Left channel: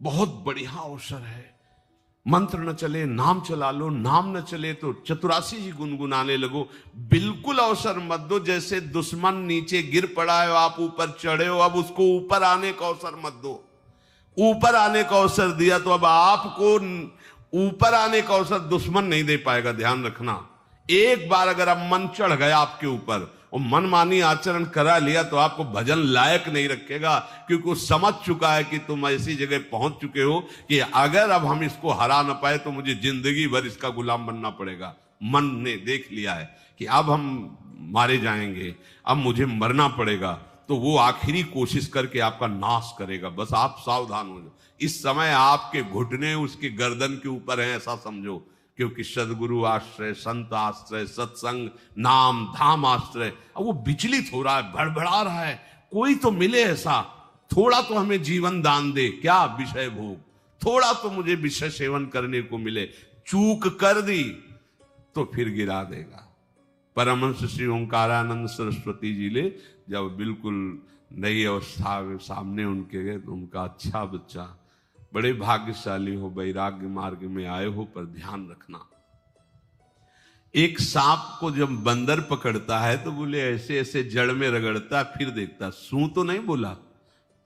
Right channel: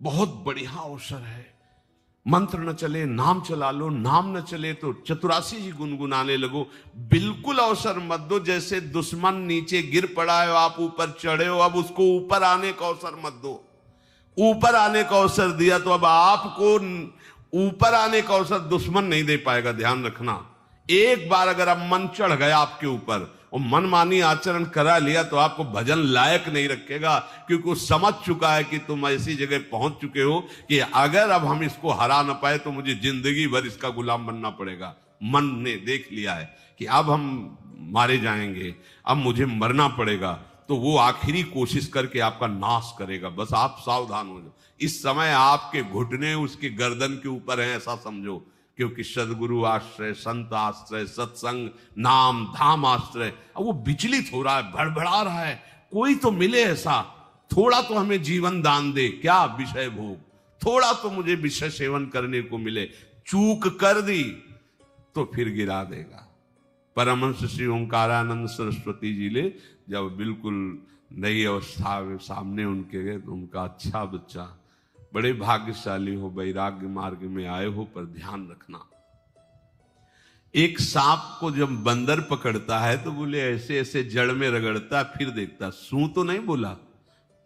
बहुत बढ़िया अवसर है। मंत्र न चले नाम चला लो, नाम न चले तो चतुरासी ही गुनगुनाने लगो। बिल्कुल अवसर मत दो, जैसे दुश्मन नीचे गिर पड़ा है, आप ऊपर चढ़े हो, अब उसको ऊपर आने का अवसर मत दो। ऊपर आने का अवसर दिया तो अब आपको ऊपर आने का अवसर दुश्मन नहीं दे पाएगा। ध्यान रखना, एक बार अगर अब मन चढ़ गया आपके ऊपर और मनमानी आचरण करा लिया तो आपको भजन लायक नहीं रखेगा, क्योंकि वो समझ चुका है कि तुम ऐसी जगह पहुंच चुके हो कि अगर अब हम इसको हरा ना पाए तो मुझे जिंदगी भर इसका गुलाम बनना पड़ेगा। मन ने देख लिया है कि अब हम मारे जाएंगे, अब मुझे मरना पड़ेगा, तो वो आखिरी कोशिश करके आपका नाश करेगा। बस आप सावधान हो। इस समय आपके घुटने उसके गर्दन के ऊपर है, ऐसा समझो, क्योंकि सदगुरु आश्रय, संत आश्रय, सत्संग, नाम धाम आश्रय, वो विचलित हो रहा है, भड़बड़ा रहा है। कोई तो मिले ऐसा, थोड़ा तो हमें जीवन दान दे, क्या विषय भोग, थोड़ा तो मुझे विषय सेवन करने को मिले। चूक कर दी तो फिर गिरा देगा। परमहंस श्री ओंकारानंद सरस्वती जी ले जब बिल्कुल नई अवस्था में सामने उनके गए तो उनका, अच्छा बच्चा, बड़े भाग्यशाली हो, वैराग्य मार्ग में आए हो, पर ध्यान रखना, एक सांप को जब बंदर पकड़ता है तो बोले ऐसे ऐसे जड़ में रगड़ता है, फिर देखता, सू तो नहीं बोला,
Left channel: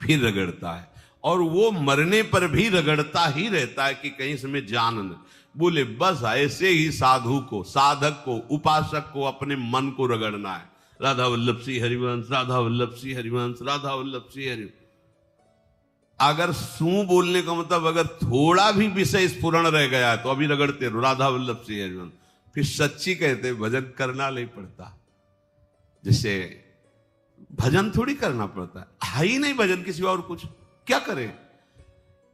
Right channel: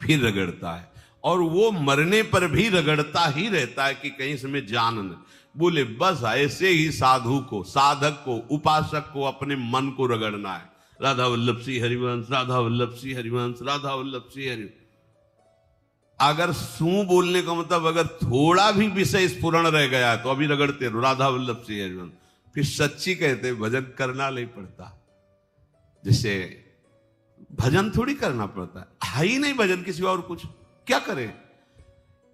फिर रगड़ता है, और वो मरने पर भी रगड़ता ही रहता है कि कहीं इसमें जान न। बोले बस ऐसे ही साधु को, साधक को, उपासक को अपने मन को रगड़ना है। राधा वल्लभ श्री हरिवंश, राधा वल्लभ श्री हरिवंश, राधा वल्लभ श्री हरिवंश। अगर सू बोलने का मतलब अगर थोड़ा भी विषय स्फुरण रह गया तो अभी रगड़ते रहो, राधा वल्लभ श्री हरिवंश। फिर सच्ची कहते हैं भजन करना नहीं पड़ता। जैसे भजन थोड़ी करना पड़ता है ही नहीं भजन, किसी और कुछ क्या करे,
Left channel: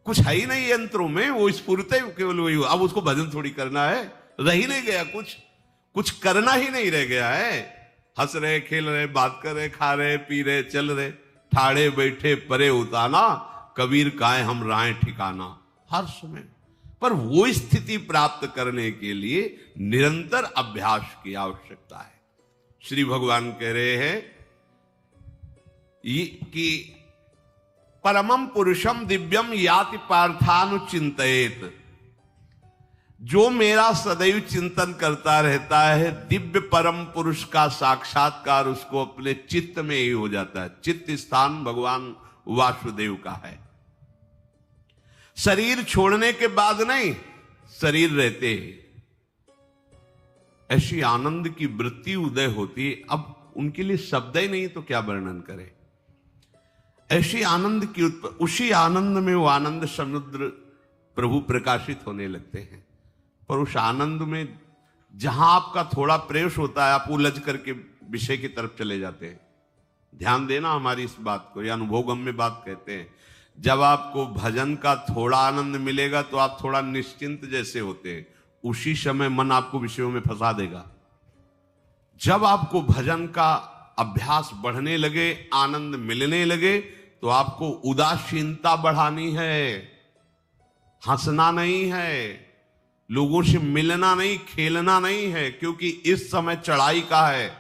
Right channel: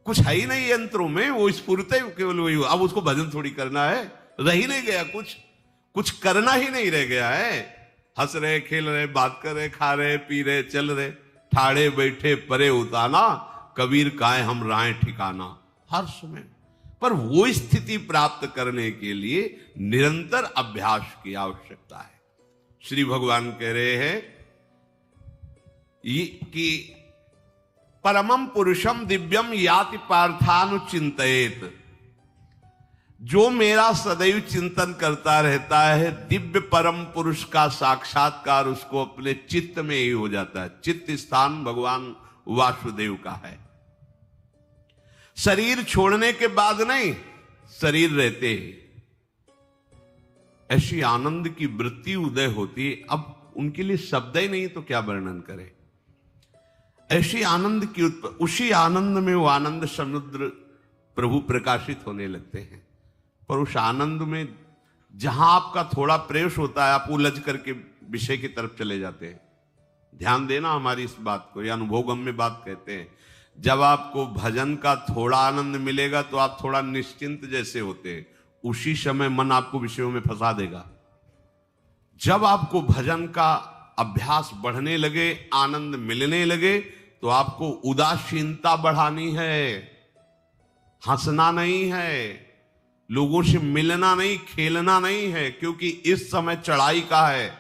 कुछ है ही नहीं यंत्रों में, वो स्फूर्ते केवल वही। अब उसको भजन थोड़ी करना है, रह ही नहीं गया, कुछ करना ही नहीं रह गया है। हंस रहे, खेल रहे, बात कर रहे, खा रहे, पी रहे, चल रहे, ठाड़े बैठे परे उताना, कबीर काहे हम राय ठिकाना, हर्ष में। पर वो स्थिति प्राप्त करने के लिए निरंतर अभ्यास की आवश्यकता है। श्री भगवान कह रहे हैं कि परमम पुरुषम दिव्यम याति पार्थानुचिंतयेत, जो मेरा सदैव चिंतन करता रहता है, दिव्य परम पुरुष का साक्षात्कार उसको अपने चित्त में ही हो जाता है। चित्त स्थान भगवान वासुदेव का है। शरीर छोड़ने के बाद नहीं, शरीर रहते हैं ऐसी आनंद की वृत्ति उदय होती। अब उनके लिए शब्द ही नहीं तो क्या वर्णन करें। ऐसी आनंद की उसी आनंद में वो आनंद समुद्र प्रभु प्रकाशित होने लगते हैं। और उस आनंद में जहां आपका थोड़ा प्रवेश होता है, आप उलझ करके विषय की तरफ चले जाते हैं। ध्यान देना हमारी इस बात को, ये अनुभवगम्य बात कहते हैं। जब आपको भजन का थोड़ा आनंद मिलेगा तो आप थोड़ा निश्चिंत जैसे होते हैं, उसी समय मन आपको विषयों में फंसा देगा। जब आपको भजन का अभ्यास बढ़ने लगे, आनंद मिलने लगे, तो आपको उदासीनता बढ़ानी है, हंसना नहीं है, लोगों से मिलना नहीं, खेलना नहीं है, क्योंकि इस समय चढ़ाई का है।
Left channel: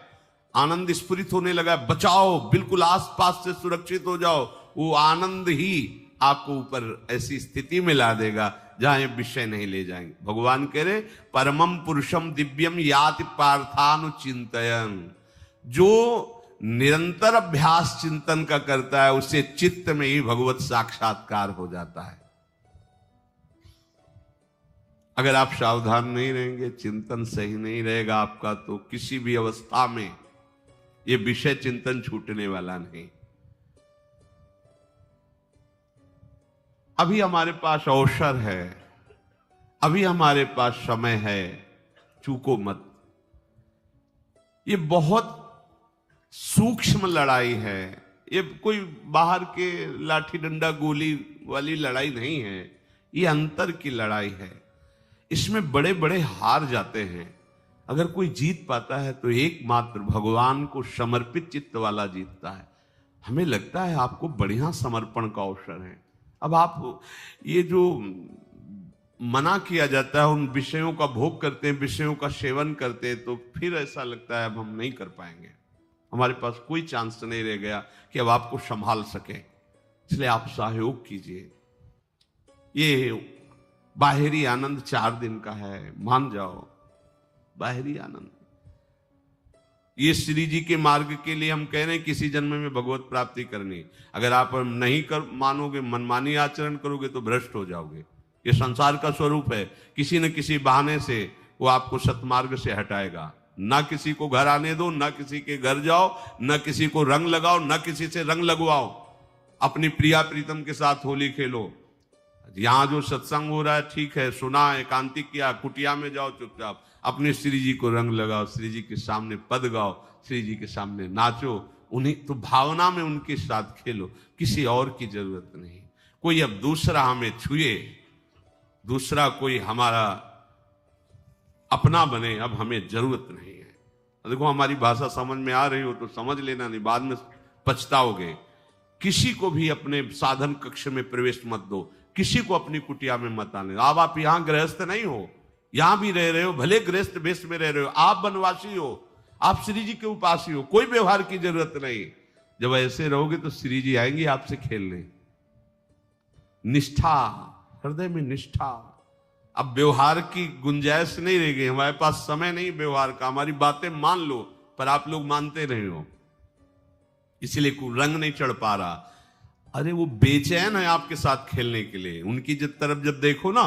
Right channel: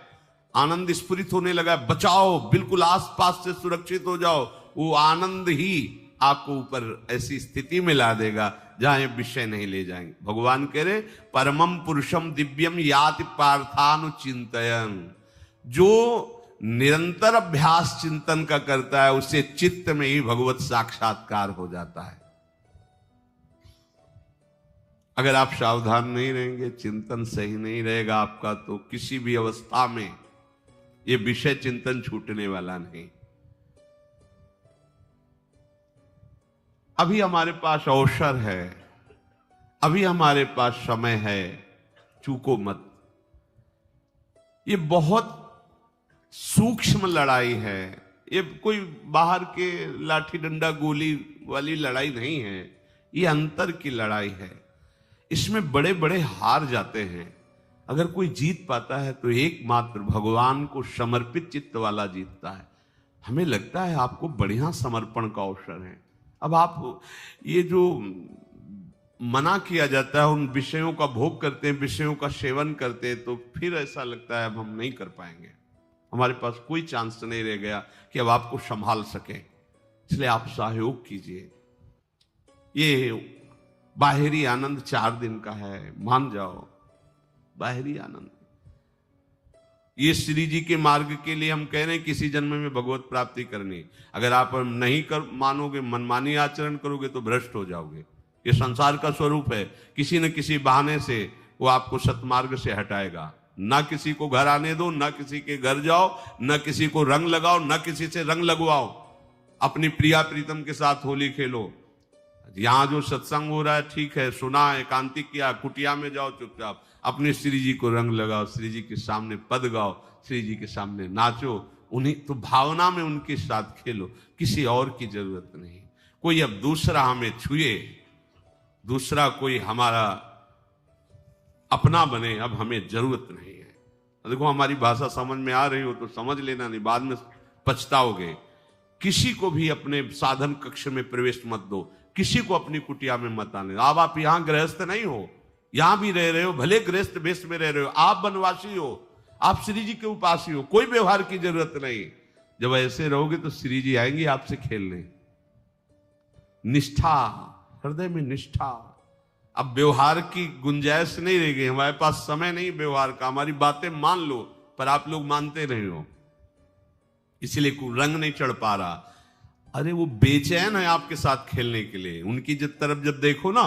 आनंद स्फुरित होने लगा, बचाओ, बिल्कुल आसपास से सुरक्षित हो जाओ। वो आनंद ही आपको ऊपर ऐसी स्थिति में ला देगा जहां ये विषय नहीं ले जाएंगे। भगवान कह रहे परमम पुरुषम दिव्यम याति पार्थानुचिंतयन्, जो निरंतर अभ्यास चिंतन का करता है उससे चित्त में ही भगवत साक्षात्कार हो जाता है। अगर आप सावधान नहीं रहेंगे, चिंतन सही नहीं रहेगा आपका, तो किसी भी अवस्था में ये विषय चिंतन छूटने वाला नहीं। अभी हमारे पास अवसर है, अभी हमारे पास समय है, चूको मत। ये बहुत सूक्ष्म लड़ाई है, ये कोई बाहर के लाठी डंडा गोली वाली लड़ाई नहीं है, ये अंतर की लड़ाई है। इसमें बड़े बड़े हार जाते हैं। अगर कोई जीत पाता है तो एकमात्र भगवान को समर्पित चित्त वाला जीतता है। हमें लगता है आपको बढ़िया समर्पण का अवसर है। अब आप ये जो मना किया जाता है, उन विषयों का भोग करते हैं, विषयों का सेवन करते हैं, तो फिर ऐसा लगता है अब हम नहीं कर पाएंगे, हमारे पास कोई चांस नहीं रह गया कि अब आपको संभाल सके। इसलिए आप सहयोग कीजिए। ये बाहरी आनंद 4 दिन का है, मान जाओ, बाहरी आनंद। ये श्री जी के मार्ग के लिए हम कह रहे हैं किसी जन्म में भगवत प्राप्ति करनी। अगर आप नहीं कर मानोगे, मनमानी आचरण करोगे तो भ्रष्ट हो जाओगे। ये संसार का स्वरूप है, किसी न किसी बहाने से वो आपको सतमार्ग से हटाएगा। ना किसी को घर आने दो, ना किसी के घर जाओ, ना किसी को रंग लगाओ, ना किसी से रंग लगवाओ। अपनी प्रिया प्रीतम के साथ होली खेलो। यहाँ जो सत्संग हो रहा है ठीक है, सुना, एकांतिक किया, कुटिया में जाओ चुपचाप, अपने श्री जी को रंग लगाओ, श्री जी के सामने पद गाओ, श्री जी के सामने नाचो, उन्हें तो भावना में उनके साथ खेलो, किसी और की जरूरत नहीं। कोई अब दूसरा हमें छुए, दूसरा कोई हमारा अपना बने, अब हमें जरूरत नहीं है। देखो हमारी भाषा समझ में आ रही हो तो समझ लेना, नहीं बाद में पछताओगे। किसी को भी अपने साधन कक्ष में प्रवेश मत दो, किसी को अपनी कुटिया में मत आने। अब आप यहाँ गृहस्थ नहीं हो, यहां भी रह रहे हो, भले गृहस्थ वेश में रह रहे हो, आप वनवासी हो, आप श्री जी के उपासी हो, कोई व्यवहार की जरूरत नहीं। जब ऐसे रहोगे तो श्री जी आएंगे आपसे खेलने। निष्ठा, हृदय में निष्ठा। अब व्यवहार की गुंजाइश नहीं रह गई, हमारे पास समय नहीं व्यवहार का। हमारी बातें मान लो, पर आप लोग मानते रहे हो, इसलिए कोई रंग नहीं चढ़ पा रहा। अरे वो बेचैन है आपके साथ खेलने के लिए, उनकी तरफ जब देखो ना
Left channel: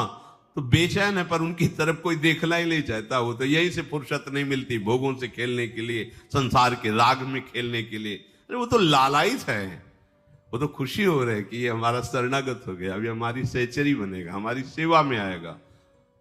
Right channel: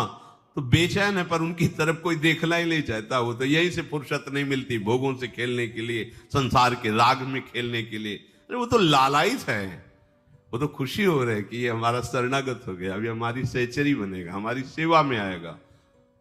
तो बेचैन है, पर उनकी तरफ कोई देखना ही नहीं चाहता। वो तो यही से फुर्सत नहीं मिलती भोगों से खेलने के लिए, संसार के राग में खेलने के लिए। अरे वो तो लालायित है, वो तो खुशी हो रही है कि ये हमारा शरणागत हो गया, अभी हमारी सहचरी बनेगा, हमारी सेवा में आएगा।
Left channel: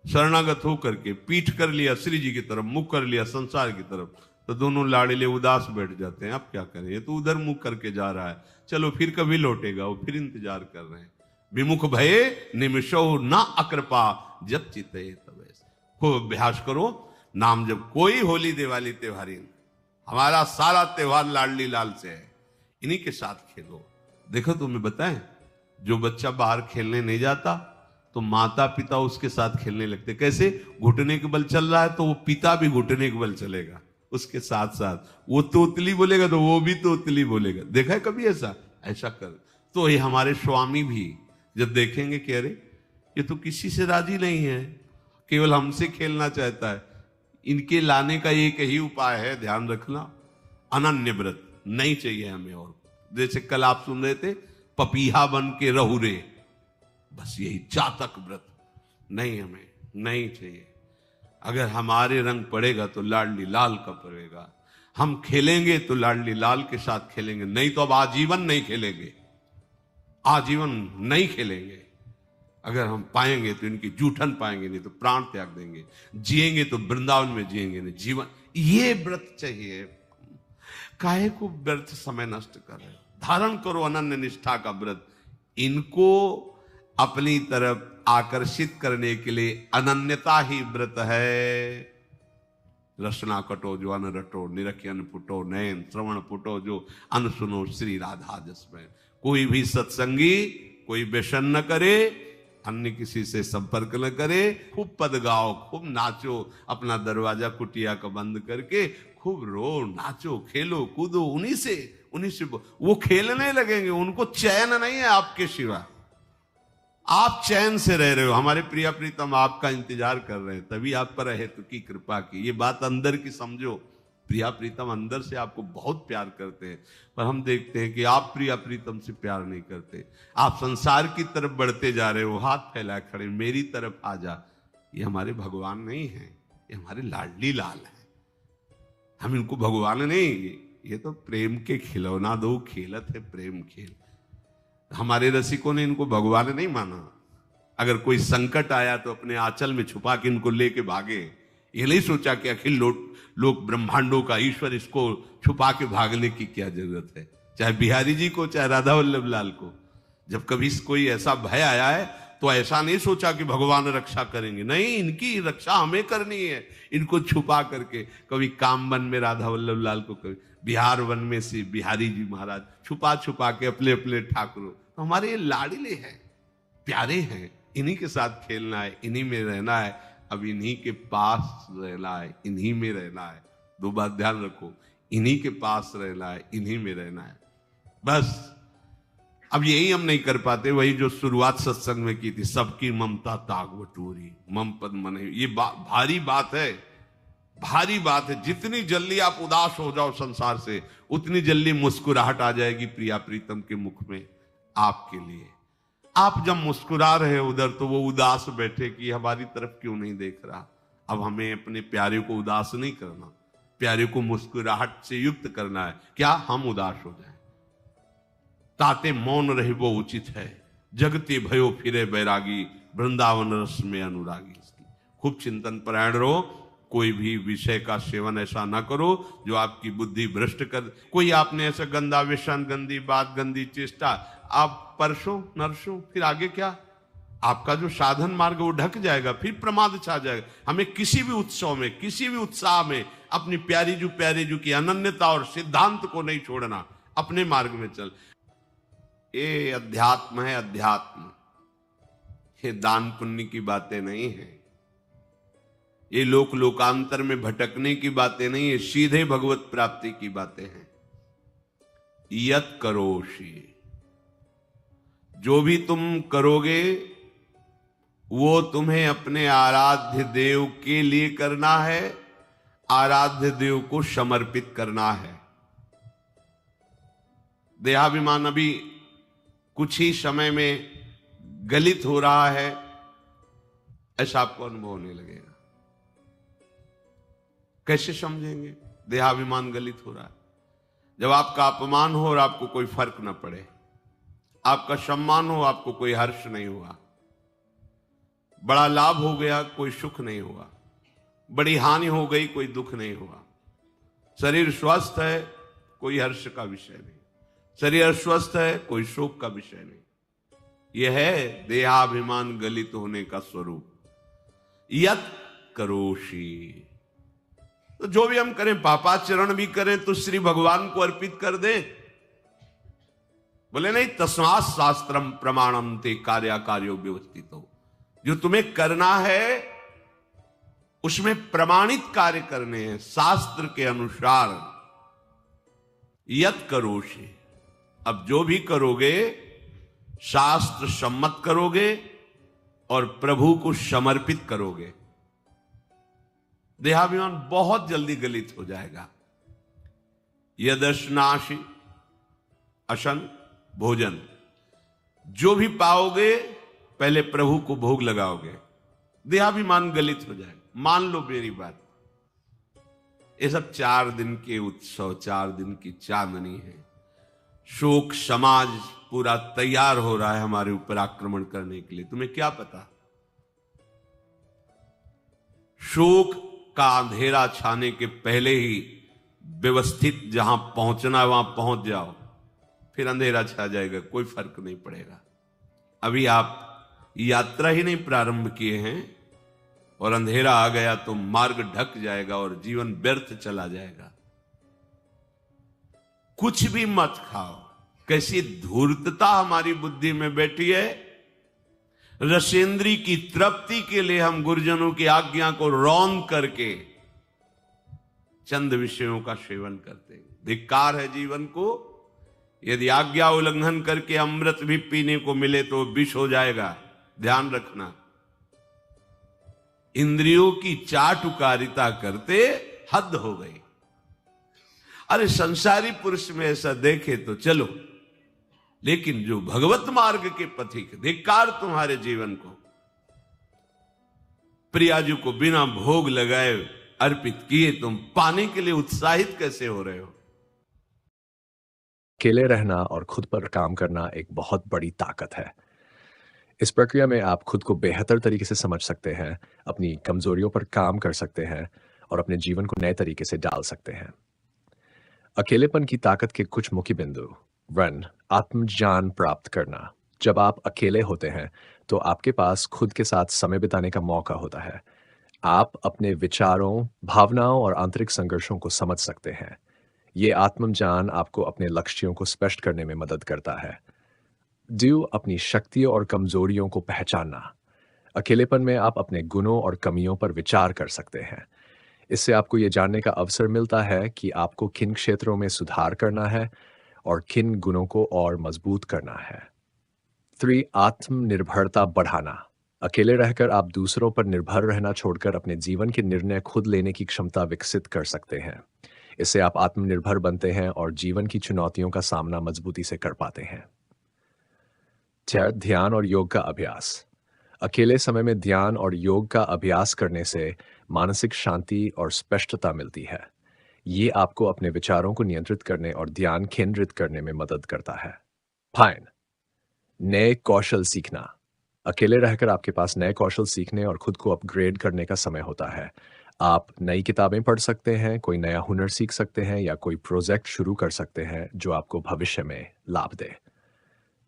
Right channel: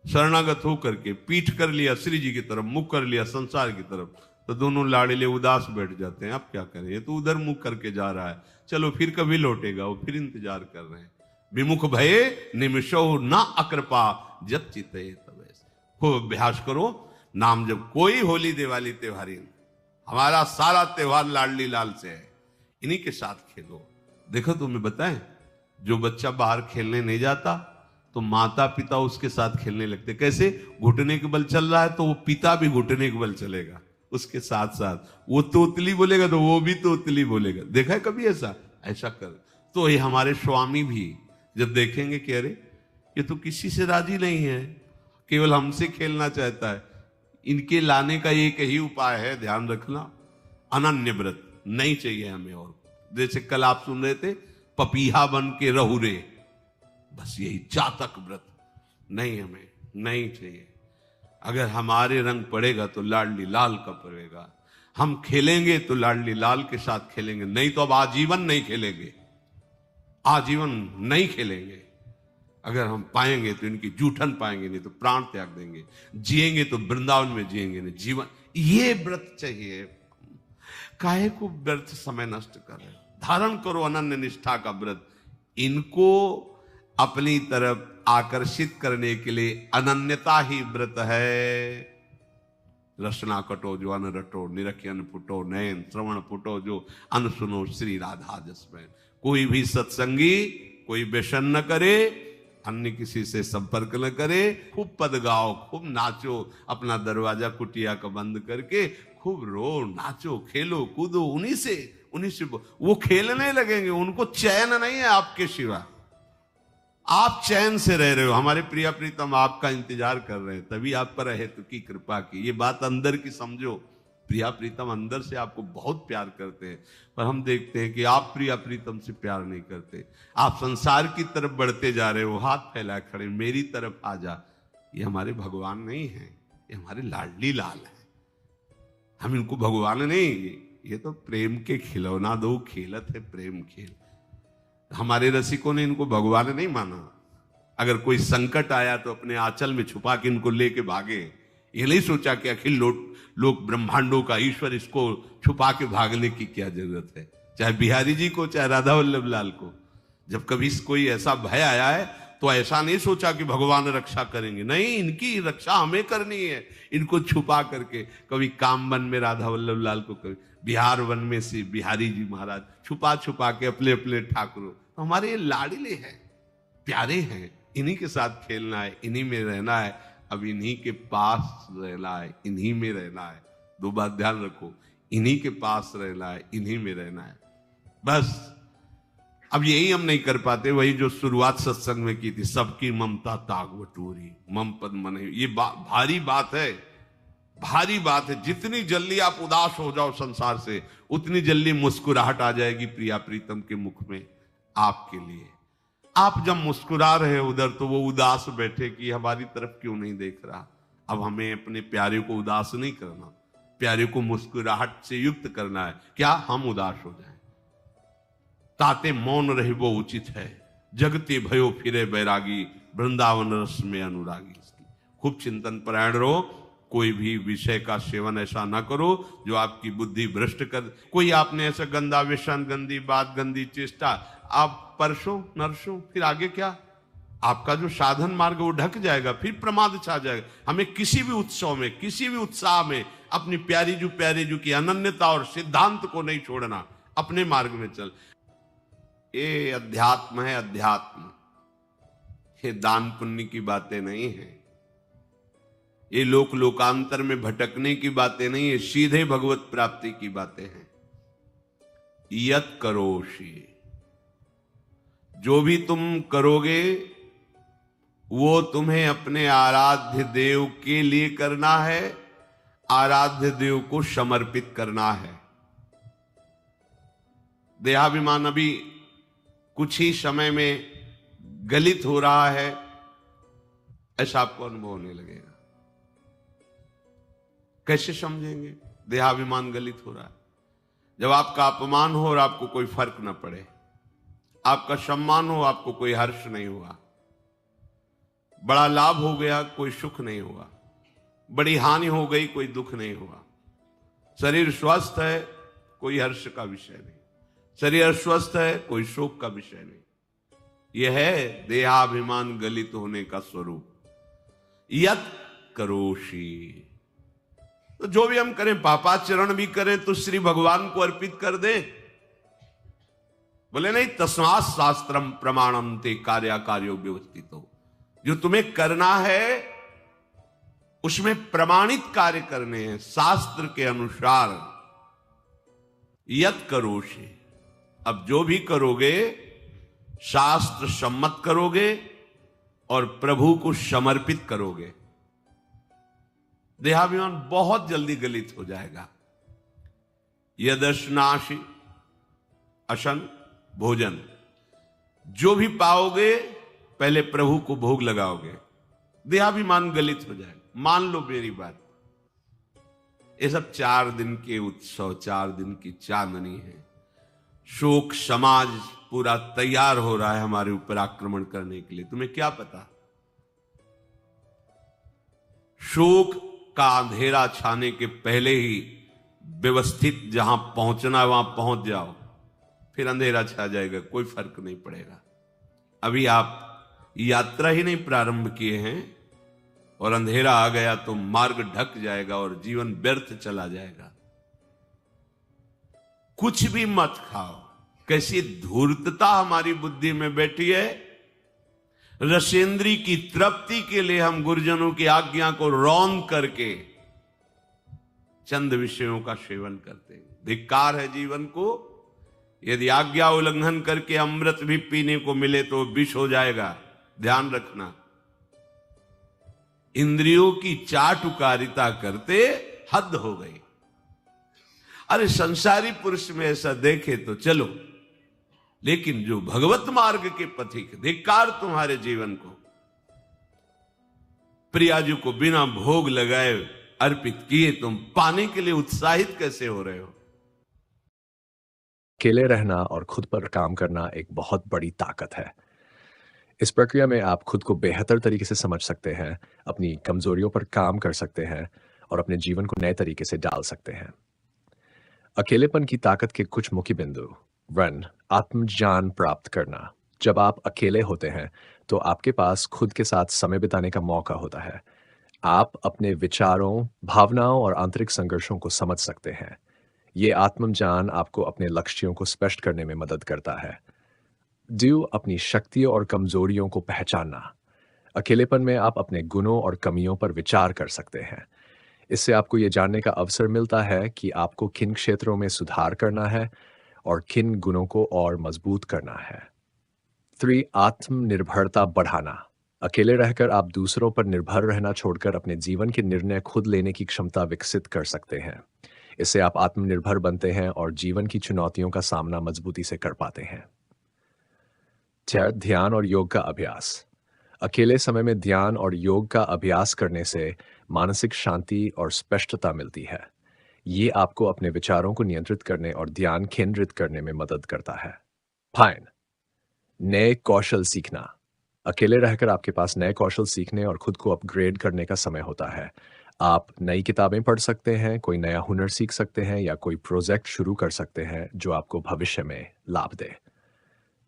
शरणागत होकर के पीठ कर लिया श्री जी की तरफ, मुख कर लिया संसार की तरफ, तो दोनों लाड़िले उदास बैठ जाते हैं। आप क्या करें, ये तो उधर मुख करके जा रहा है, चलो फिर कभी लौटेगा, वो फिर इंतजार कर रहे हैं। विमुख भये निमिषो न अकृपा जब चित्ते तब। खूब अभ्यास करो नाम जब। कोई होली दिवाली त्योहारी, हमारा सारा त्योहार लाडली लाल से है, इन्हीं के साथ खेलो। देखो तुम्हें बताएं, जो बच्चा बाहर खेलने नहीं जाता तो माता पिता उसके साथ खेलने लगते हैं। कैसे? घुटने के बल चल रहा है तो वो पिता भी घुटने के बल चलेगा उसके साथ साथ। वो तोतली बोलेगा तो वो भी तोतली बोलेगा। देखा है कभी ऐसा? ऐसा कर। तो ये हमारे स्वामी भी जब देखेंगे कि अरे ये तो किसी से राजी नहीं है, केवल हमसे खेलना चाहता है, इनके लाने का एक ही उपाय है, ध्यान रखना, अनन्य व्रत। नहीं चाहिए हमें और। जैसे कल आप सुन रहे थे, पपीहा बन के रहू रे, बस यही चातक व्रत नहीं, हमें नहीं चाहिए। अगर हमारे रंग पड़ेगा तो लाडली लाल का पड़ेगा, हम खेलेंगे तो लाडली लाल के साथ खेलेंगे, नहीं तो अब आजीवन नहीं खेलेंगे, आजीवन नहीं खेलेंगे। अगर हम पाएंगे तो इनकी जूठन पाएंगे, नहीं तो प्राण त्याग देंगे। जिएंगे तो वृंदावन में जिएंगे, नहीं जीवन। ये व्रत चाहिए। काहे को व्रत समय नष्ट कर रहे? धारण करो अनन्य निष्ठा का व्रत। इनको अपनी तरफ आकर्षित करने के लिए अनन्यता ही व्रत है। रसना कटो जो अन रटो, निरखी अन फुटो, नयन श्रवण फुटो जो अन सुनो, श्री राधा जसमैन। कोई भी सत्संगी कोई व्यसन न करे, अन्य किसी से संपर्क न करे, खूब पद गाओ, खूब नाचो, अपना दरवाजा कुटिया का बंद करके खूब रो, नाचो, खेलो, कूदो, उन्हीं से वो खेलने लगेंगे। उनको चैन नहीं है आपके सिवा, आप चैन से रह रहे हो। हमारे प्रिया प्रीतम आपका इंतजार कर रहे हैं, तभी आप पर है तो की कृपा की। ये बात अंदर की समझो, प्रिया प्रीतम अंदर से आपको बहुत प्यार करते हैं, पर हम देखते हैं कि आप प्रिया प्रीतम से प्यार नहीं करते। आप संसार की तरफ बढ़ते जा रहे हो, हाथ फैला खड़े, मेरी तरफ आ जा। ये हमारे भगवान नहीं है, ये हमारे लाडली लाल है। हम इनको भगवान नहीं, ये तो प्रेम के खिलौना दो खेलत है, प्रेम खेल। हमारे रसिकों ने इनको भगवान नहीं माना। अगर कोई संकट आया तो अपने आंचल में छुपा के इनको लेके भागे। ये नहीं सोचा कि अखिल लोक ब्रह्मांडों का ईश्वर, इसको छुपा के भागने की क्या जरूरत है। चाहे बिहारी जी को, चाहे राधा वल्लभ लाल को, जब कभी कोई ऐसा भय आया है तो ऐसा नहीं सोचा कि भगवान रक्षा करेंगे, नहीं, इनकी रक्षा हमें करनी है। इनको छुपा करके, कभी काम वन में राधा वल्लभ लाल को, कभी बिहार वन में से बिहारी जी महाराज, छुपा छुपा के अपने अपने ठाकुरों। तो हमारे लाडले हैं, प्यारे हैं, इन्हीं के साथ खेलना है, इन्हीं में रहना है, अब इन्हीं के पास रहना है, इन्हीं में रहना है। दो बात ध्यान रखो, इन्हीं के पास रहना है, इन्हीं में रहना है। बस अब यही हम नहीं कर पाते, वही जो शुरुआत सत्संग में की थी, सबकी ममता ताक बटोरी मम पद मने। ये भारी बात है, भारी बात है। जितनी जल्दी आप उदास हो जाओ संसार से, उतनी जल्दी मुस्कुराहट आ जाएगी प्रिया प्रीतम के मुख में आपके लिए। आप जब मुस्कुरा रहे हैं उधर, तो वो उदास बैठे कि हमारी तरफ क्यों नहीं देख रहा। अब हमें अपने प्यारे को उदास नहीं करना, प्यारे को मुस्कुराहट से युक्त करना है। क्या हम उदास हो जाए? ताते मौन रहे वो उचित है, जगते भयो फिरे बैरागी, वृंदावन रस में अनुरागी। खूब चिंतन परायण रहो, कोई भी विषय का सेवन ऐसा ना करो जो आपकी बुद्धि भ्रष्ट कर। कोई आपने ऐसा गंदा व्यसन, गंदी बात, गंदी चेष्टा, आप परसों नरसों, फिर आगे क्या? आपका जो साधन मार्ग वो ढक जाएगा, फिर प्रमाद छा जाएगा। हमें किसी भी उत्सव में, किसी भी उत्साह में अपनी प्यारी जो की अनन्यता और सिद्धांत को नहीं छोड़ना, अपने मार्ग में चल। ये अध्यात्म है, अध्यात्म। ये दान पुण्य की बातें नहीं है, ये लोकांतर में भटकने की बातें नहीं है, सीधे भगवत प्राप्ति की बातें हैं। यत करोषि, जो भी तुम करोगे वो तुम्हें अपने आराध्य देव के लिए करना है, आराध्य देव को समर्पित करना है। देहाभिमान अभी कुछ ही समय में गलित हो रहा है, ऐसा आपको अनुभव होने लगेगा। कैसे समझेंगे? देहाभिमान गलित हो रहा है जब आपका अपमान हो और आपको कोई फर्क न पड़े, आपका सम्मान हो, आपको कोई हर्ष नहीं हुआ, बड़ा लाभ हो गया, कोई सुख नहीं हुआ, बड़ी हानि हो गई, कोई दुख नहीं हुआ। शरीर स्वस्थ है, कोई हर्ष का विषय नहीं, शरीर अस्वस्थ है, कोई सुख का विषय नहीं। यह है देहाभिमान गलित होने का स्वरूप। यत करोषि, जो भी हम करें, पापाचरण भी करें तो श्री भगवान को अर्पित कर दे। बोले नहीं, तस्मात् शास्त्रम प्रमाणम ते कार्याकार्यो व्यवस्थित। जो तुम्हें करना है उसमें प्रमाणित कार्य करने हैं, शास्त्र के अनुसार। यत करोषि, अब जो भी करोगे शास्त्र सम्मत करोगे और प्रभु को समर्पित करोगे। देहाभिमान बहुत जल्दी गलित हो जाएगा। यदश्नाशी, अशन भोजन, जो भी पाओगे पहले प्रभु को भोग लगाओगे, देहाभिमान गलित हो जाएगा। मान लो मेरी बात, ये सब 4 दिन के उत्सव, 4 दिन की चांदनी है। शोक समाज पूरा तैयार हो रहा है हमारे ऊपर आक्रमण करने के लिए। तुम्हें क्या पता? शोक का अंधेरा छाने के पहले ही व्यवस्थित जहां पहुंचना है वहां पहुंच जाओ, फिर अंधेरा छा जाएगा, कोई फर्क नहीं पड़ेगा। अभी आप यात्रा ही नहीं प्रारंभ किए हैं और अंधेरा आ गया तो मार्ग ढक जाएगा और जीवन व्यर्थ चला जाएगा। कुछ भी मत खाओ। कैसी धूर्तता हमारी बुद्धि में बैठी है। रसेंद्री की तृप्ति के लिए हम गुरुजनों की आज्ञा को रोंग करके चंद विषयों का सेवन करते हैं। धिक्कार है जीवन को। यदि आज्ञा उल्लंघन करके अमृत भी पीने को मिले तो विष हो जाएगा, ध्यान रखना। इंद्रियों की चाटुकारिता करते हद हो गई। अरे संसारी पुरुष में ऐसा देखे तो चलो, लेकिन जो भगवत मार्ग के पथिक, धिक्कार तुम्हारे जीवन को। प्रियाजू को बिना भोग लगाए अर्पित किए तुम पाने के लिए उत्साहित कैसे हो रहे हो? अकेले रहना और खुद पर काम करना एक बहुत बड़ी ताकत है। इस प्रक्रिया में आप खुद को बेहतर तरीके से समझ सकते हैं, अपनी कमजोरियों पर काम कर सकते हैं और अपने जीवन को नए तरीके से डाल सकते हैं। अकेलेपन की ताकत के कुछ मुख्य बिंदु। 1. आत्मज्ञान प्राप्त करना। जब आप अकेले होते हैं तो आपके पास खुद के साथ समय बिताने का मौका होता है। आप अपने विचारों, भावनाओं और आंतरिक संघर्षों को समझ सकते हैं। ये आत्मज्ञान आपको अपने लक्ष्यों को स्पष्ट करने में मदद करता है। 2. अपनी शक्तियों और कमजोरियों को पहचानना। अकेलेपन में आप अपने गुणों और कमियों पर विचार कर सकते हैं। इससे आपको ये जानने का अवसर मिलता है कि आपको किन क्षेत्रों में सुधार करना है और किन गुणों को और मजबूत करना है। 3. आत्मनिर्भरता बढ़ाना। अकेले रहकर आप दूसरों पर निर्भर रहना छोड़कर अपने जीवन के निर्णय खुद लेने की क्षमता विकसित कर सकते हैं। इससे आप आत्मनिर्भर बनते हैं और जीवन की चुनौतियों का सामना मजबूती से कर पाते हैं। 4. ध्यान और योग का अभ्यास। अकेले समय में ध्यान और योग का अभ्यास करने से मानसिक शांति और स्पष्टता मिलती है। ये आपको अपने विचारों को नियंत्रित करने और ध्यान केंद्रित करने में मदद करता है। 5. नए कौशल सीखना। अकेले रहकर आपके पास नए कौशल सीखने और खुद को अपग्रेड करने का समय होता है। आप नई किताबें पढ़ सकते हैं, कोई नया हुनर सीख सकते हैं या कोई प्रोजेक्ट शुरू कर सकते हैं जो आपको भविष्य में लाभ दे।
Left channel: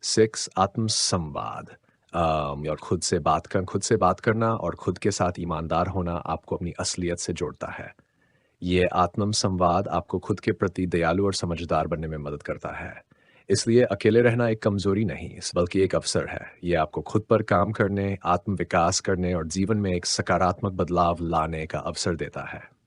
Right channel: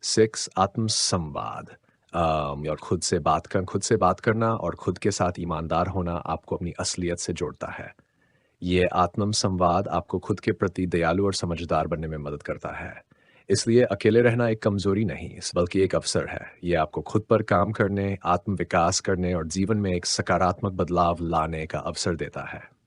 6. आत्मसंवाद। और खुद से बात करना और खुद के साथ ईमानदार होना आपको अपनी असलियत से जोड़ता है। ये आत्म संवाद आपको खुद के प्रति दयालु और समझदार बनने में मदद करता है। इसलिए अकेले रहना एक कमजोरी नहीं, बल्कि एक अवसर है। ये आपको खुद पर काम करने, आत्म विकास करने और जीवन में एक सकारात्मक बदलाव लाने का अवसर देता है।